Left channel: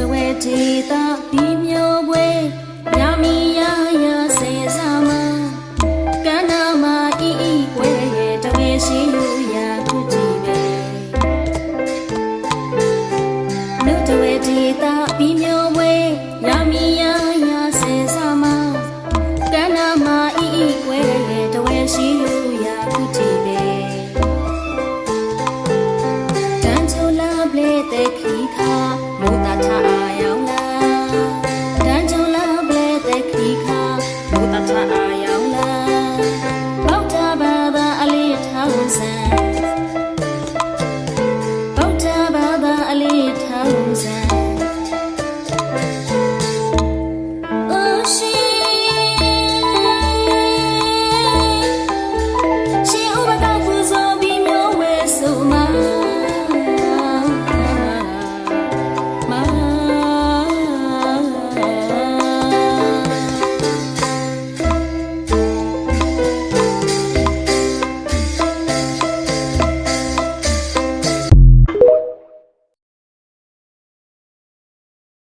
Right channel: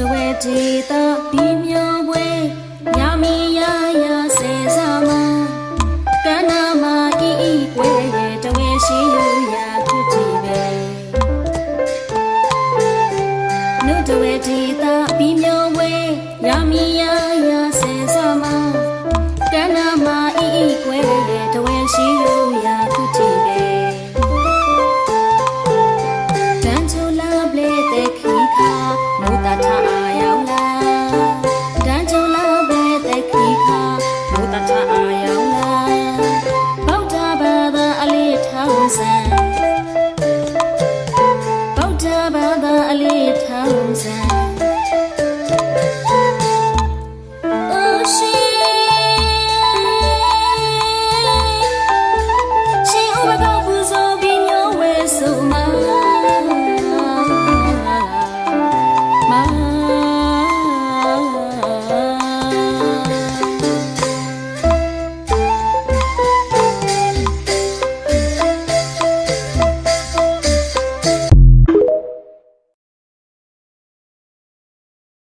ဒေတာပြီးမြောပွဲညမီရရစေစားမကန္နာမအီအီကွဲတဝဲရှိယူရာခုကြည့်ပဲနုတဝဲဒေတာပြီးမြောပွဲညမီရရစေစားမကန္နာမအီအီကွဲတဝဲရှိယူရာခုကြည့်ပဲတန်ချိုလာပလေတဲ့ ခီခါမိုးတထအာယောင်လာတန်ချိုလာပလေတဲ့ခီခါမိုးတထအာယောင်လာဘောက်တာဘာသာအလေးထောင်းစံဘောက်တာဘာသာအလေးထောင်းစံ smile.